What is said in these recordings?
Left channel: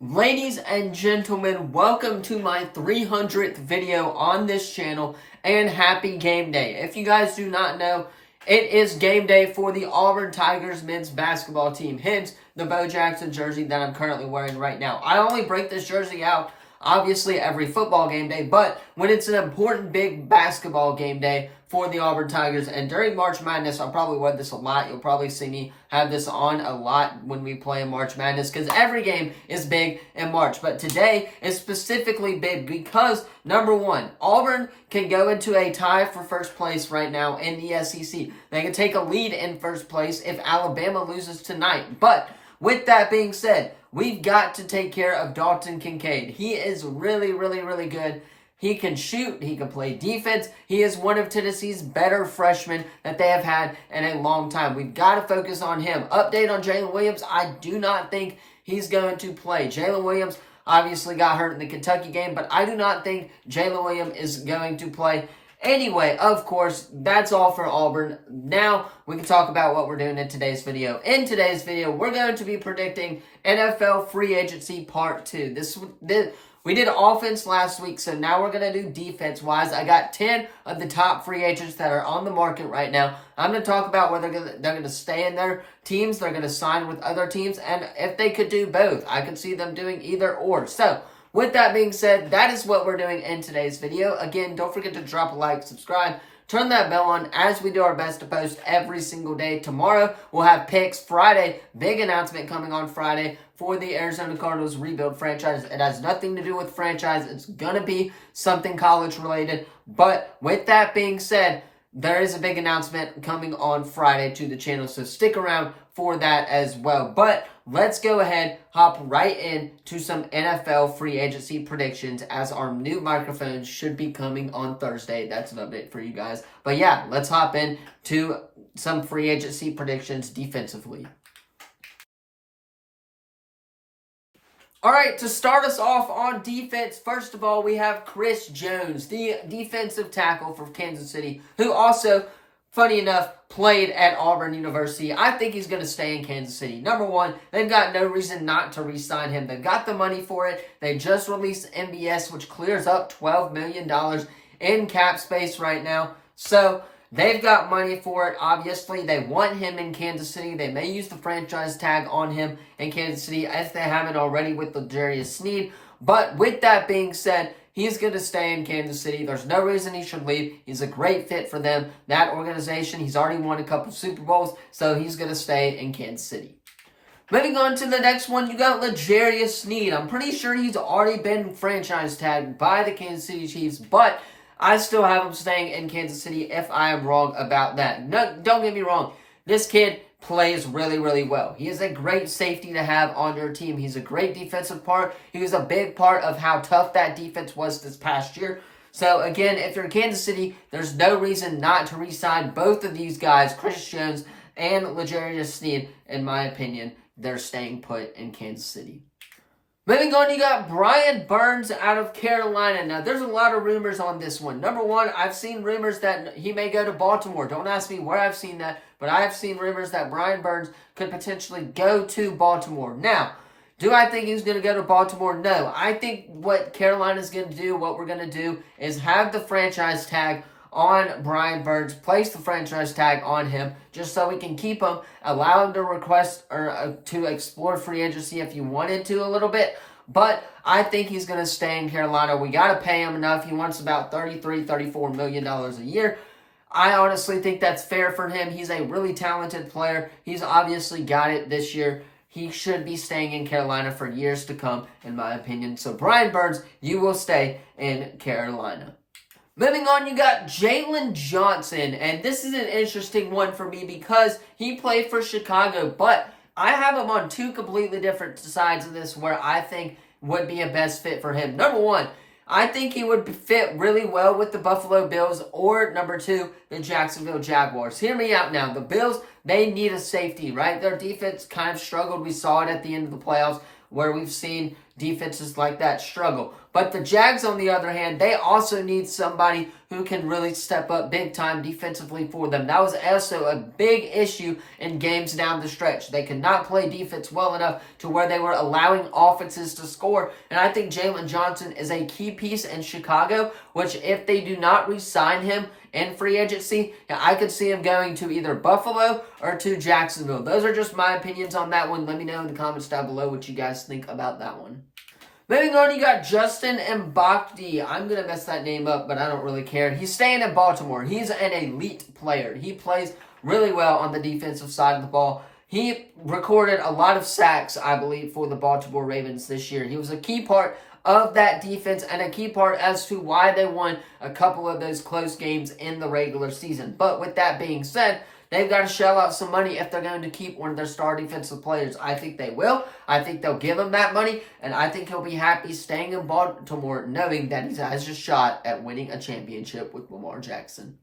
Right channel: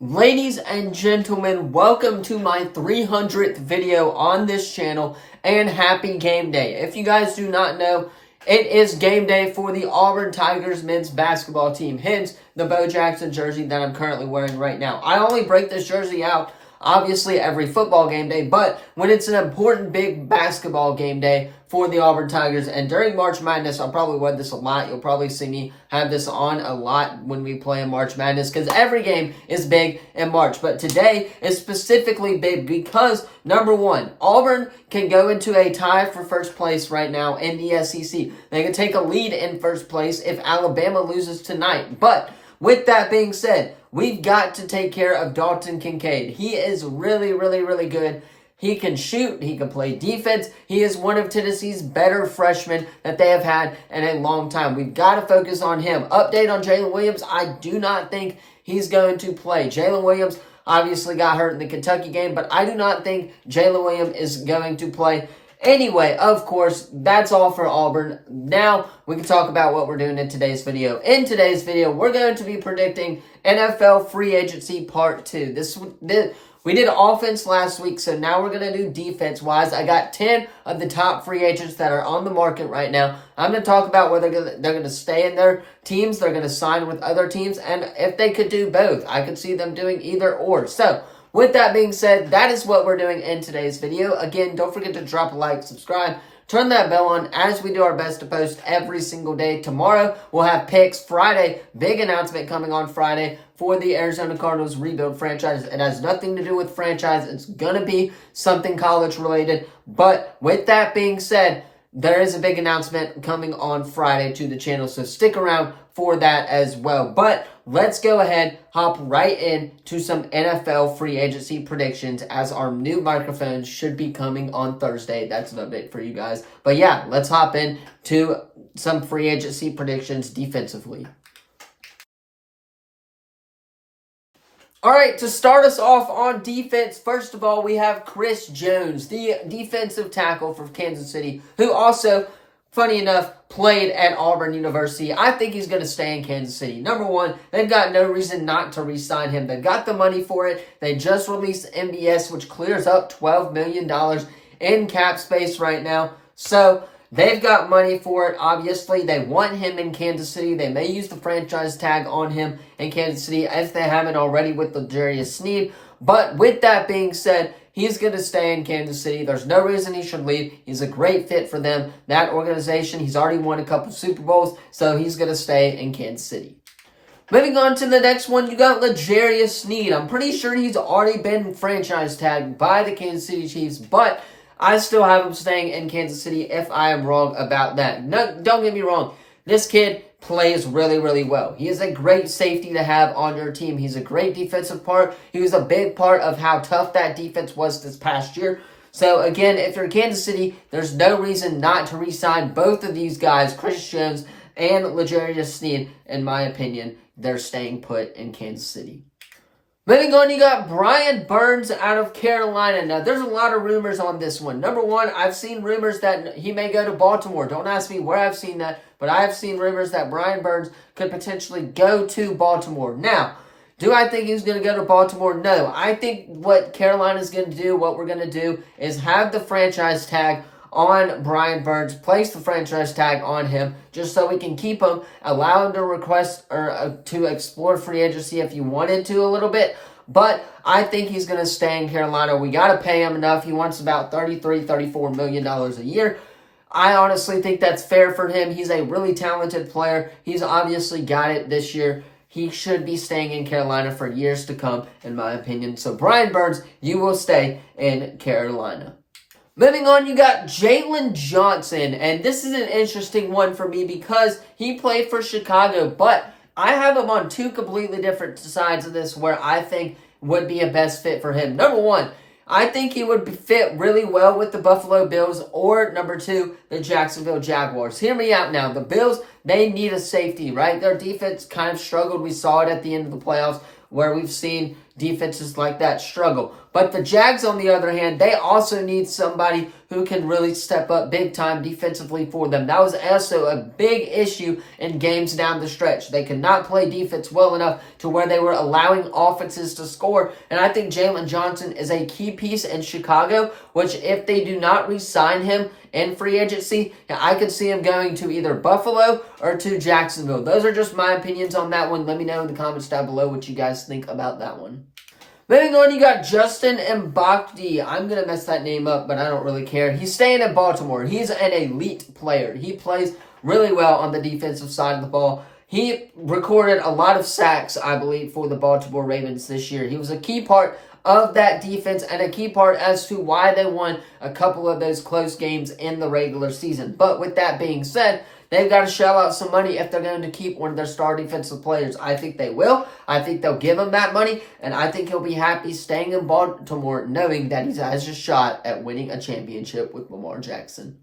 Ladies and gentlemen, welcome to my 300th video on this channel, and happy game day. If you guys do not know, it is game day for the Auburn Tigers men's basketball team, hence the Bo Jackson jersey that I'm currently wearing right now. I only break this jersey out, obviously, every football game day, but when it's an important big basketball game day for the Auburn Tigers, and during March Madness, I'll probably wear this a lot. You'll probably see me have this on a lot when we play in March Madness, because every game is big in March, but today is specifically big because, number one, Auburn can go into a tie for first place right now in the SEC. They can take a lead in first place if Alabama loses tonight, but with that being said, we've got to take care of Dalton Kincaid. He is really good. He can shoot. He can play defense. He is one of Tennessee's better freshmen that they have had in a long time. We've got to focus on him. Update on Jalen Williams. I do not think he's going to play. Jalen Williams obviously got hurt in the Kentucky game, but I do not think Jalen Williams is going to play. Anyway, of course, that's all for Auburn. Now, we can talk about what we're doing in today's video. In today's video, we're going to be predicting NFL Free Agency Part 2. We did offense last week, so now we're going to do defense-wise. I got 10 of the top free agents that are on the market right now. I'm going to talk about whether they're going to stay in their teams, they're going to sign with other teams, and if they could do both. I could see them doing either or. So, with that being said, that is what we're doing in today's video. Again, don't forget to drop a like, subscribe, turn that bell on as we do our best to post every single day. Tomorrow, we'll have picks. Friday, big announcement coming on Friday for the Arizona Cardinals rebuild franchise. It has nothing to do with franchise. It's going to be something college related. But with that being said, there is a big announcement coming on Friday to the channel, so stick around for that as well. But let's go ahead, hop right in to some NFL free agency predictions, as our new microphones should be coming on Thursday. That's an update for you guys. But yeah, let's hop in to some free agency predictions defensively. All right, to start us off on defense, first of all, we have Chris Jones, the defensive tackle for Kansas City, who also, funny enough, played at Auburn University. I think he's going to stay in Kansas City. Number one, they've got no reason not to re-sign him. They've got the money for it. They just released MBS, which clears up $12 million in cap space right now. So they've got money for it. Obviously, they want him in Kansas City. They may use the franchise tag on him in Kansas City, if they haven't already with L'Jarius Sneed. But with that being said, he's going to stay in Kansas City. There's no reason he should leave. He's a great fit for them. That organization, he's already won a couple Super Bowls, so he's going to stay in Kansas City. Moving on to the next one, you got L'Jarius Sneed. I'm pretty sure he's already been franchise tagged by the Kansas City Chiefs, but I still have him staying in Kansas City if I am wrong about that. No, don't get me wrong. This kid plays really well. He is a great safety to have on your team. He's a great defensive part. He was a big part of how tough that defense was this past year. So, again, if you're Kansas City, there's no reason not to re-sign both of these guys, Chris Jones and L'Jarius Sneed. In my opinion, they're staying put in Kansas City. Moving on, you got Brian Burns out of Carolina. Now, there's a lot of rumors on this one. Number one, I've seen rumors that he may go to Baltimore. Don't ask me where I've seen that, but I have seen rumors that Brian Burns could potentially go to Baltimore. Now, do I think he's going to go to Baltimore? No. I think what Carolina's going to do, what we're going to do, is have the franchise tag on Brian Burns, place the franchise tag on him, just so we can keep him, allow him to request or to explore free agency if you wanted to a little bit. But I think he's going to stay in Carolina. We got to pay him enough. He wants about $34 million a year. I honestly think that's fair for him. He's a really talented player. He's obviously got it this year. He should be staying in Carolina for years to come, in my opinion. So, Brian Burns, you will stay in Carolina. Moving on, you got Jalen Johnson, and this is an interesting one for me because he played for Chicago, but I have him on two completely different sides of this where I think would be a best fit for him. Number one, I think he would fit really well with the Buffalo Bills, or number two, the Jacksonville Jaguars. Hear me out now. The Bills, they need a safety, right? Their defense kind of struggled. We saw it at the end of the playoffs, where we've seen defenses like that struggle. But the Jags, on the other hand, they also need somebody who can really step up big time defensively for them. That was also a big issue in games down the stretch. They could not play defense well enough to where they were allowing offenses to score. And I think Jaylon Johnson is a key piece in Chicago, which if they do not re-sign him in free agency, I could see him going to either Buffalo or to Jacksonville. Those are just my opinions on that one. Let me know in the comments down below what you guys think about that one. Moving on, you got Justin Mbakdi. I'm going to mess that name up, but I don't really care. He's staying in Baltimore. He's an elite player. He plays really well on the defensive side of the ball. He recorded a lot of sacks, I believe, for the Baltimore Ravens this year. He was a key part of that defense and a key part as to why they won a couple of those close games in the regular season. But with that being said, they've got to shell out some money if they're going to keep one of their star defensive players. I think they will. I think they'll give him that money, and I think he'll be happy staying in Baltimore knowing that he has a shot at winning a championship with Lamar Jackson.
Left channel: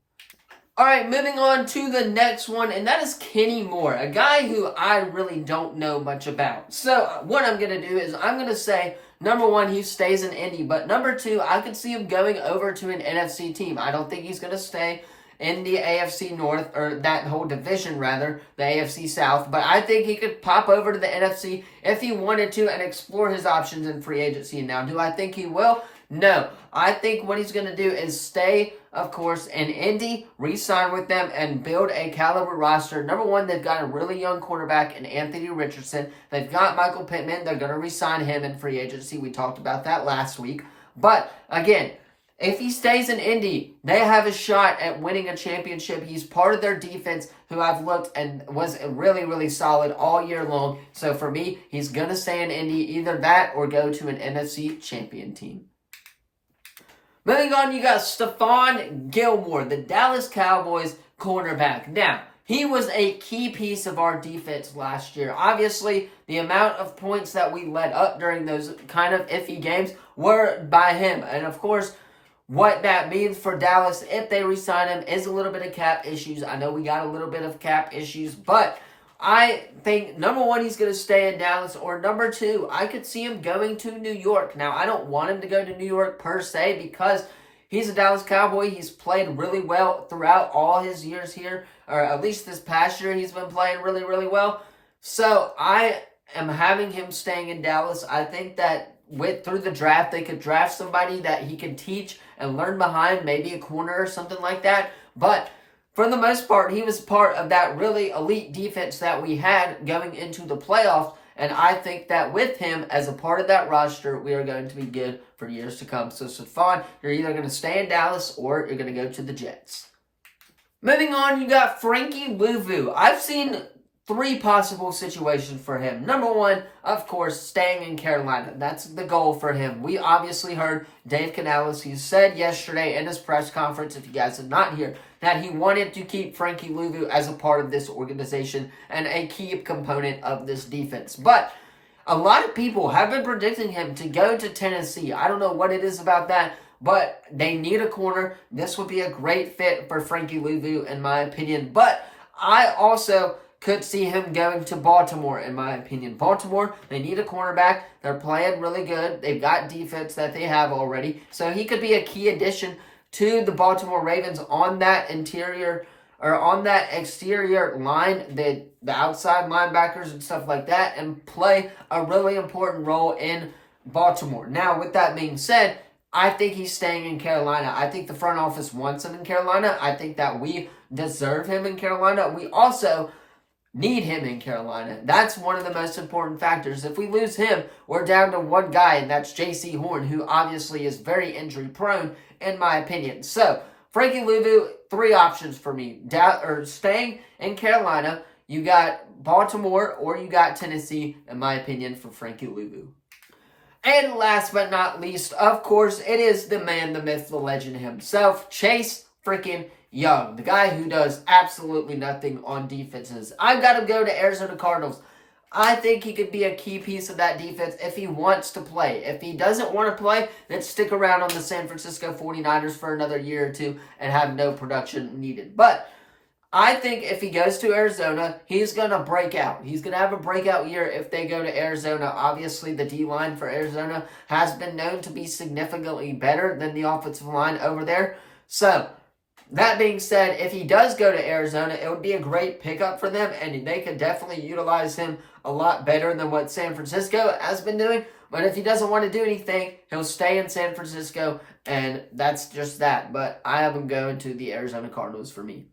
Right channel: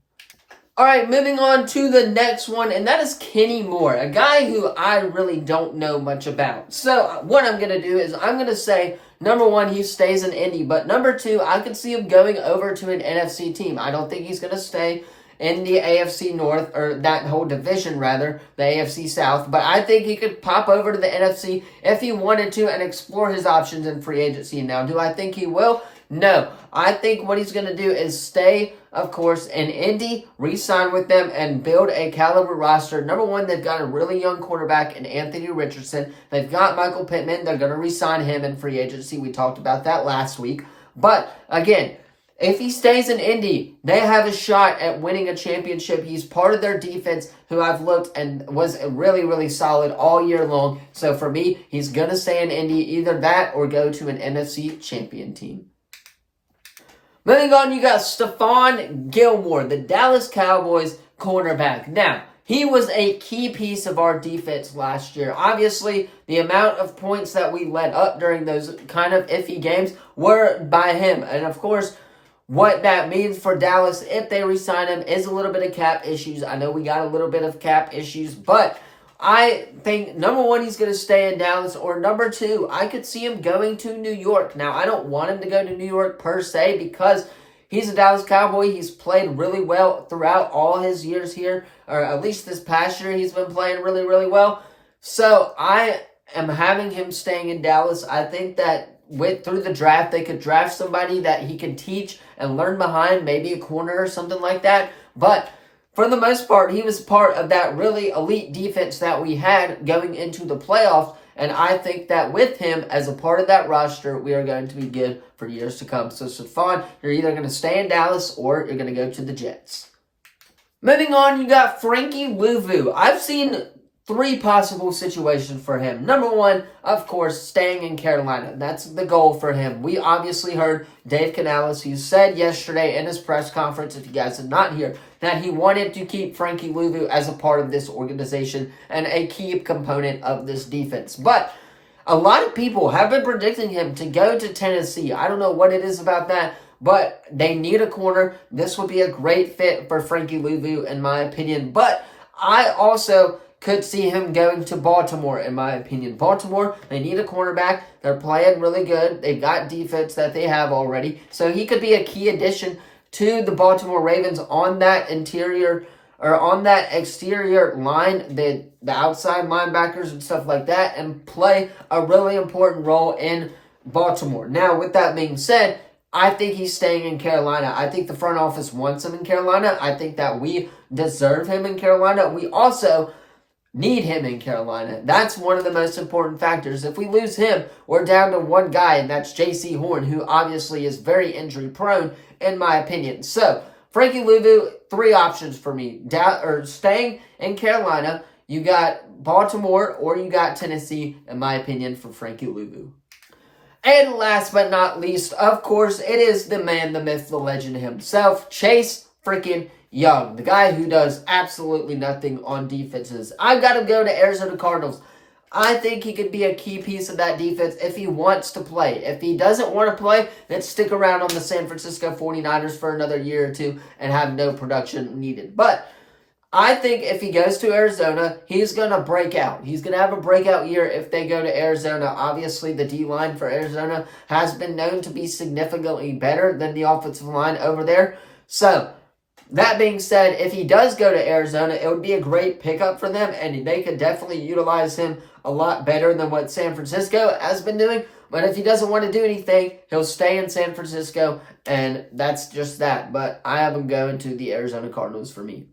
All right, moving on to the next one, and that is Kenny Moore, a guy who I really don't know much about. So what I'm going to do is I'm going to say, number one, he stays in Indy, but number two, I could see him going over to an NFC team. I don't think he's going to stay in the AFC North, or that whole division rather, the AFC South. But I think he could pop over to the NFC if he wanted to and explore his options in free agency. Now, do I think he will? No. I think what he's going to do is stay, of course, in Indy, re-sign with them, and build a caliber roster. Number one, they've got a really young quarterback in Anthony Richardson. They've got Michael Pittman. They're going to re-sign him in free agency. We talked about that last week. But, again, if he stays in Indy, they have a shot at winning a championship. He's part of their defense who I've looked and was really, really solid all year long. So for me, he's going to stay in Indy, either that or go to an NFC champion team. Moving on, you got Stephon Gilmore, the Dallas Cowboys cornerback. Now, he was a key piece of our defense last year. Obviously, the amount of points that we let up during those kind of iffy games were by him. And of course, what that means for Dallas, if they re-sign him, is a little bit of cap issues. I know we got a little bit of cap issues, but I think, number one, he's going to stay in Dallas, or number two, I could see him going to New York. Now, I don't want him to go to New York per se because he's a Dallas Cowboy. He's played really well throughout all his years here, or at least this past year he's been playing really, really well. So I am having him staying in Dallas. I think that through the draft, they could draft somebody that he can teach and learn behind, maybe a corner or something like that. But for the most part, he was part of that really elite defense that we had going into the playoffs. And I think that with him as a part of that roster, we are going to be good for years to come. So, Stephon, you're either going to stay in Dallas or you're going to go to the Jets. Moving on, you got Frankie Louvu. I've seen three possible situations for him. Number one, of course, staying in Carolina. That's the goal for him. We obviously heard Dave Canales. He said yesterday in his press conference, if you guys did not hear, that he wanted to keep Frankie Louvu as a part of this organization and a key component of this defense. But a lot of people have been predicting him to go to Tennessee. I don't know what it is about that, but they need a corner. This would be a great fit for Frankie Louvu, in my opinion. But I also could see him going to Baltimore, in my opinion. Baltimore, they need a cornerback. They're playing really good. They've got defense that they have already. So he could be a key addition to the Baltimore Ravens on that interior, or on that exterior line, the outside linebackers and stuff like that, and play a really important role in Baltimore. Now, with that being said, I think he's staying in Carolina. I think the front office wants him in Carolina. I think that we deserve him in Carolina. We also need him in Carolina. That's one of the most important factors. If we lose him, we're down to one guy, and that's J.C. Horn, who obviously is very injury prone, in my opinion. So, Frankie Louvu, three options for me. Staying in Carolina, you got Baltimore, or you got Tennessee, in my opinion, for Frankie Louvu. And last but not least, of course, it is the man, the myth, the legend himself, Chase freaking Young, the guy who does absolutely nothing on defenses. I've got to go to Arizona Cardinals. I think he could be a key piece of that defense if he wants to play. If he doesn't want to play, then stick around on the San Francisco 49ers for another year or two and have no production needed. But I think if he goes to Arizona, he's going to break out. He's going to have a breakout year if they go to Arizona. Obviously, the D-line for Arizona has been known to be significantly better than the offensive line over there. So, that being said, if he does go to Arizona, it would be a great pickup for them, and they could definitely utilize him a lot better than what San Francisco has been doing. But if he doesn't want to do anything, he'll stay in San Francisco, and that's just that. But I have him going to the Arizona Cardinals for me.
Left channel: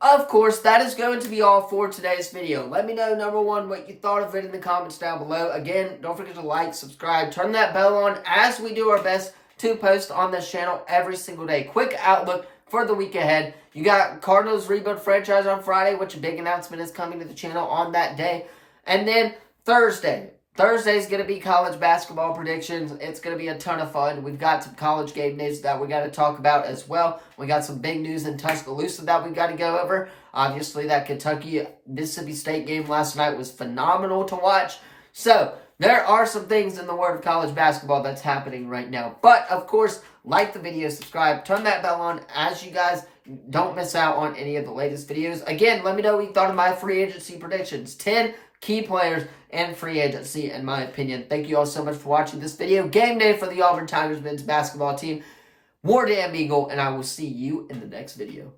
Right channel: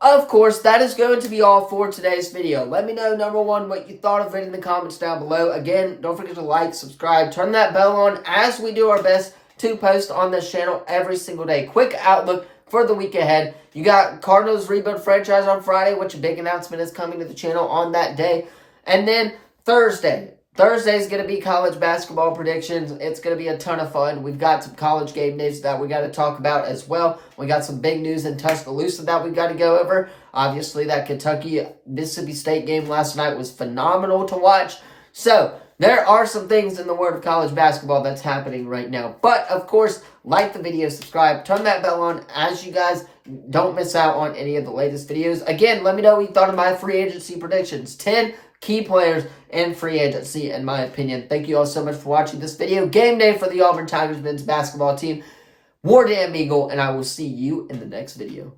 Of course, that is going to be all for today's video. Let me know, number one, what you thought of it in the comments down below. Again, don't forget to like, subscribe, turn that bell on as we do our best to post on this channel every single day. Quick outlook for the week ahead. You got Cardinals Rebuild Franchise on Friday, which a big announcement is coming to the channel on that day. And then Thursday. Thursday is going to be college basketball predictions. It's going to be a ton of fun. We've got some college game days that we got to talk about as well. We got some big news in Tuscaloosa that we got to go over. Obviously, that Kentucky-Mississippi State game last night was phenomenal to watch. So, there are some things in the world of college basketball that's happening right now. But, of course, like the video, subscribe, turn that bell on as you guys don't miss out on any of the latest videos. Again, let me know what you thought of my free agency predictions. 10 key players in free agency, in my opinion. Thank you all so much for watching this video. Game day for the Auburn Tigers men's basketball team. War Damn Eagle, and I will see you in the next video.